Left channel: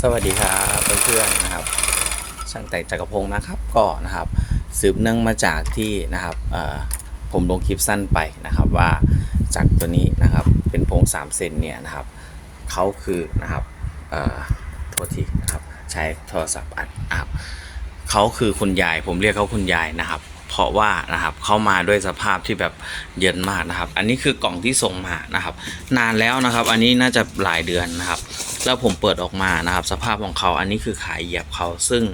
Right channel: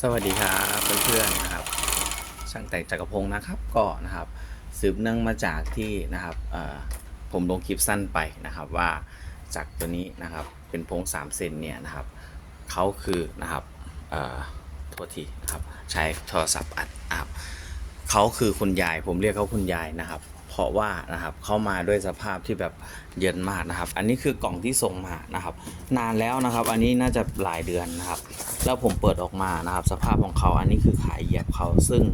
สวัสดีครับเพื่อนๆนะครับ ช่างแต่งจักรพงศ์นะครับก็นะครับ สืบเนื่องมาจากที่นะครับผมลงคลิปสั้นไปนะครับว่าจากตัวนี้นะครับเป็นพง3เซนเนี่ยนะครับเขาคือนะครับโทษทีนะครับใช้โทรศัพท์อัดนะครับเขาคือคุณยายผมเรียกเขาคุณยายนะครับ เพราะว่านะครับเข้ามาด้วยสภาพที่แบบเย็นมากนะครับ อันนี้คือกล่องที่ส่งมานะครับ นานแล้วนะครับ อันนี้น่าจะหลายเดือนนะครับ แล้วผมเปิดออกมานะครับ สภาพของเขาอันนี้คือขายเหยียบเขาซึ่ง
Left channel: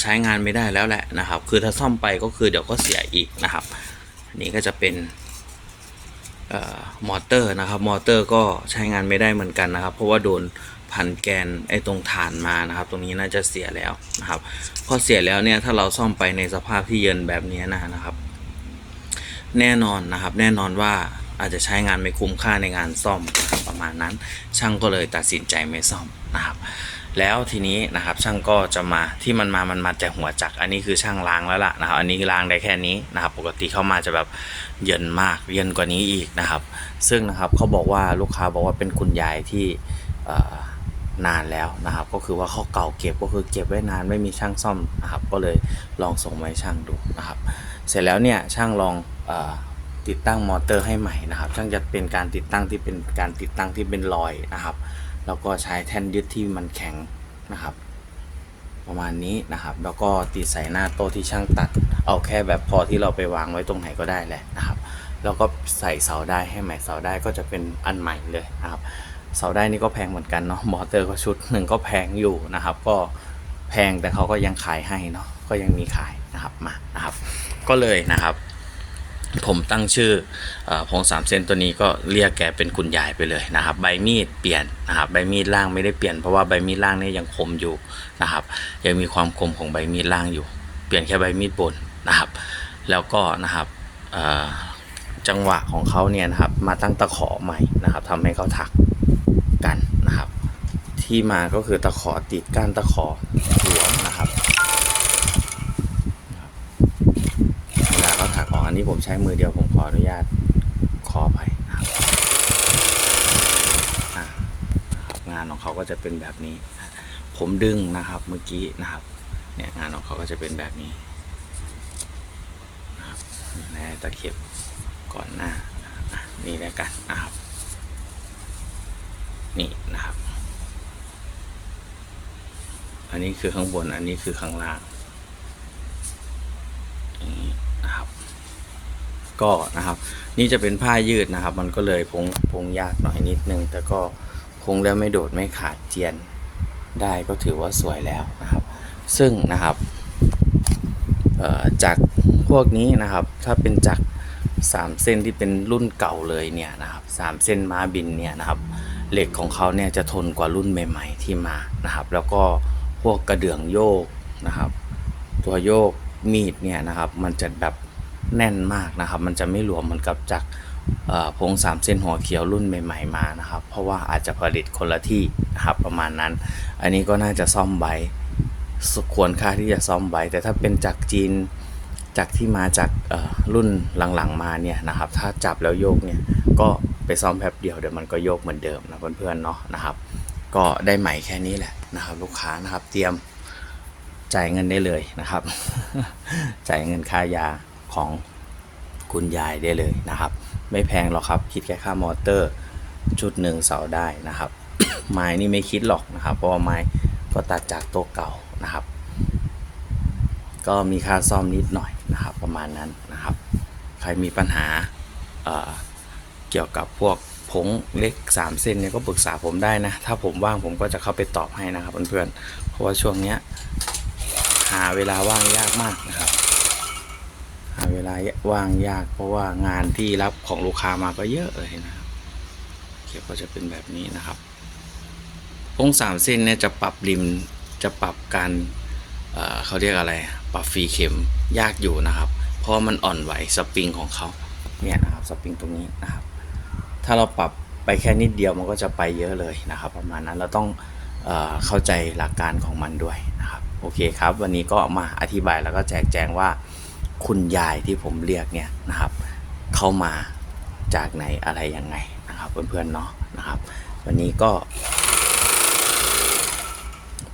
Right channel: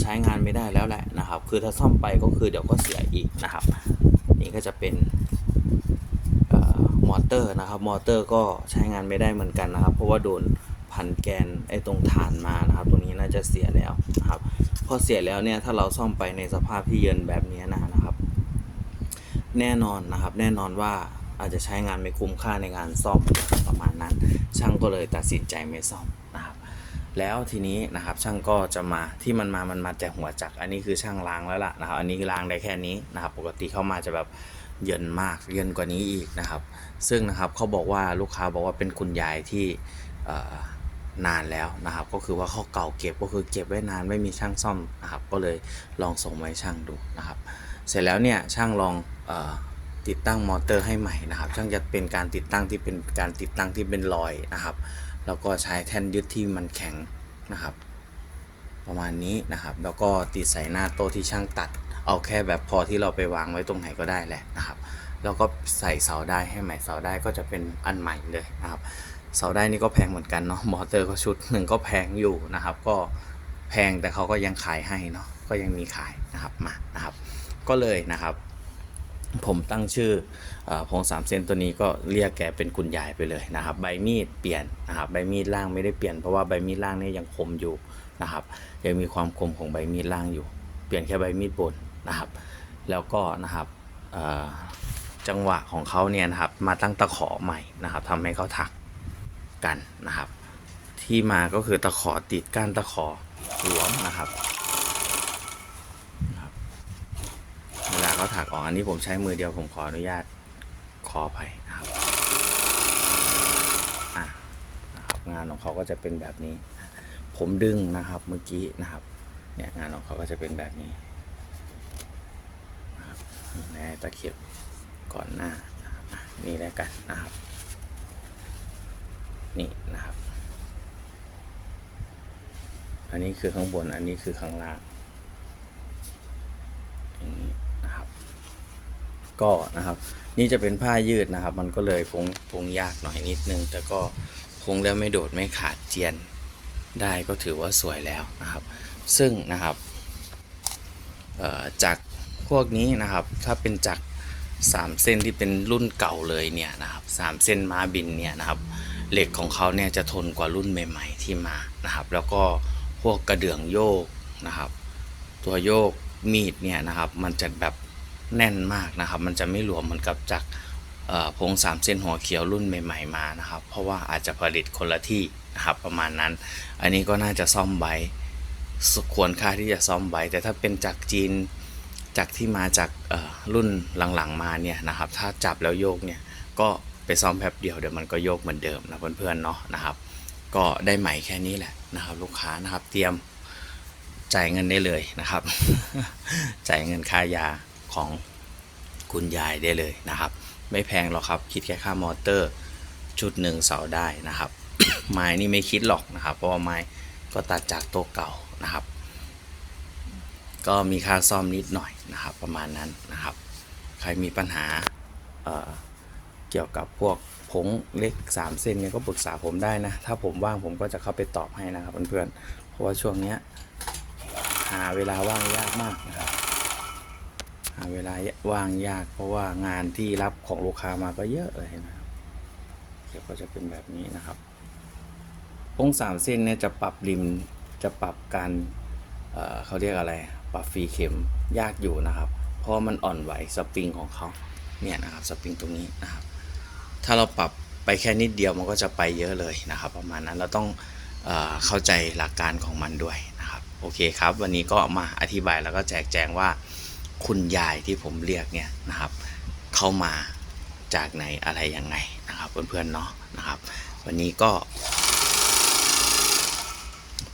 ใช้งานไม่ได้แล้วแหละนะครับ คือถ้าซ่อมไปก็คือเดี๋ยวก็เสียอีกนะครับ อันนี้ก็จะเป็นอมอเตอร์นะครับมอเตอร์ก็ใช้งานไม่ได้เหมือนกันนะครับ เพราะว่าโดนพันแกนไอ้ตรงฐานมานะครับ ตรงนี้น่าจะเสียแล้วนะครับ พอเสียแล้วเนี่ยถ้าเราซ่อมไปในสภาพที่เยินแบบนี้นะนะครับ แน่นอนนะครับ แน่นอนว่าอาจจะใช้งานไม่คุ้มค่าในงานซ่อมนะครับประมาณนั้น ช่างก็เลยตัดสินใจไม่ซ่อมนะครับ แล้วทีนี้นะครับช่างก็จะมาที่มันมามันมาจากหัวจักอันนี้คือช่างล้างแล้วล่ะนะครับ อันนี้ล้างได้แค่นี้นะครับ ปกติเข้ามาจะแบบเย็นมากเย็นกว่านี้อีกนะครับ ซึ่งนะครับเขาบอกว่าลูกค้าบอกว่าเป็นคุณยายที่ นานแล้วนะครับ ก็คือว่าเขาเก่าเก็บก็คือเก็บไว้นานไม่มีช่างซ่อมนะครับ ก็เลยลองส่งมาให้ช่างดูนะครับ เสร็จแล้วเนี่ยช่างลองอติดตั้งมอเตอร์ให้ใหม่นะครับ ช่างจะเป็นการติดตั้งที่เป็นการติดตั้งที่เป็นรอยนะครับ แล้วก็ใช้แท่นยึดที่มันแข็งนะครับ ประมาณนี้นะครับ แล้วก็ติดใส่หน้าโต๊ะที่ช่างตัด เอาแค่แบบพอที่เราไปวางไว้ตรงไหนก็ได้แหละนะครับ แล้วก็ใส่เสาได้ให้ใหม่เสาได้ก็จะเป็นอันใหม่เลยนะครับ เสาได้นี่ก็แพงเหมือนกันเนาะมอเตอร์ก็ชุดหนึ่งก็แพงอยู่นะครับ ก็แพงแต่เขาก็ยังขายให้เนาะก็ยังมีขายนะครับมานะครับ ก็เลยนะครับ ผมตั้งชื่อเออพงสามเซนตัวนี้ก็เรียกแกเป็นคุณยายไปเลยนะครับ ใบมีดเปลี่ยนนะครับใบมีดล่างไม่ได้เปลี่ยนเพราะว่าใบมีดล่างนี่ยังคมอยู่นะครับ ยังมีความคมของใบมีดล่างอยู่ เปลี่ยนแค่ใบมีดบนนะครับ แล้วก็นะครับจังหวะของเขาเนี่ยนะครับมาตั้งตะขอใหม่นะครับทำให้เขาถัก กันนะครับ ที่มาก็คือตะขอติดก้านตะขอหลวงนะครับเวลาเขาถักออกอันนี้ผมใช้มือเดียวผมขออนุญาตขอไปนะครับงานของเขาก็จะเป็นแบบนี้ ผมดึงนะครับเมื่อกี้นะครับเนี่ยงานของเขาก็จะเป็นแบบนี้นะแน่ตะเข็บก่อนหน้านี่แล้วกันนะครับ นี่นะครับ อันนี้คือข้างบน อันนี้คือข้างล่างนี้นะครับ ก็นะครับ นี่จะเป็นผ้ายืดนะครับ มันก็เลยพงพงยากหน่อยนิดนึง แต่ก็พงแล้วไม่โดดไม่ขาดเจียนได้ก็ถือว่าสวยแล้วนะครับ ซึ่งนะครับจากพวกนี้นะครับ ถ้าเป็นจากสามเส้นที่เป็นรุ่นเก่าเลยเนี่ยนะครับสามเส้นม้าบินเนี่ยนะครับ เหล็กของเขาเนี่ยจะทนกว่ารุ่นใหม่ ๆ ที่มานะครับ แล้วก็พวกกระเดื่องโยกนะครับ ตัวโยกมีดเนี่ยนะครับ มันจะแบบแน่นมากนะครับ มันจะไม่หลวมเหมือนกับจากพงสามเส้นหัวเขียวรุ่นใหม่ ๆมานะครับ เพราะว่าอาจจะผลิตคนละที่นะครับประมาณนั้น อันนี้ก็น่าจะซ่อมไว้ควรค่าที่จะซ่อมไว้ แต่ถ้าเป็นจากจีนจากที่มาจากรุ่นหลังๆมาเนี่ยนะครับ ถ้าจับแล้วโยกเนี่ยก็ ไปซ่อมแป๊บเดียวเดี๋ยวมันก็โยกเหมือนเดิมนะเพื่อนๆเนาะนะครับ ก็ได้ใหม่แค่นี้แหละนะครับ ลูกค้านะครับเตรียมจ่ายเงินได้เลยนะครับ จ่ายเงินค่ายาของคุณยายได้เลยนะครับ ไม่แพงหรอกครับ คิดแค่ค่ามอเตอร์ชุดหนึ่งเสาได้นะครับ ไม้นี่ไม่คิดหรอกนะครับ เพราะว่าไม้ก็ตัดจากโต๊ะเก่านะครับ ก็มีค่าซ่อมนิดหน่อยนะครับ ประมาณนั้นนะครับ ใครมีปัญหา เกี่ยวกับพวกผงเล็ก 3 เส้นเนี่ยก็ปรึกษาผมได้นะ ถ้าผมว่างผมก็จะเข้าไปตอบให้นะครับเพื่อนๆ เพราะว่าช่วงเนี้ยหาเวลาว่างยากมากนะครับ หาเวลาว่างยาก เพราะว่างานที่รับของลูกค้ามาก็เยอะเลยนะครับเขียวก็จะเป็นแบบนี้นะครับพงสามเส้นเนี่ยจะปรับริมจะปรับการเเขาเรียกอะไร ปรับฟรีเข็มยากอยู่นะครับ เพราะมันอ่อนไหวสปริงของเขาเนี่ยนะครับสปริงตรงนี้นะครับ ถ้าเราปรับไปแค่นิดเดียวมันก็จะไปเยอะเลยนะครับ ประมาณนั้นเราต้องเออเข้าใจหลักการของมันด้วยนะครับโอเคครับ วันนี้ก็มาอธิบายแล้วก็แจกแจงว่าคุณยายที่ผมเรียกเนี่ยนะครับเข้ามาจากไหนอะไรยังไงนะครับเพื่อนๆเนาะนะครับ วันนี้ก็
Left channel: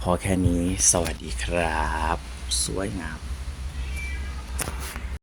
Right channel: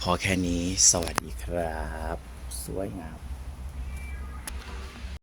พอแค่นี้สวัสดีครับ สวยงาม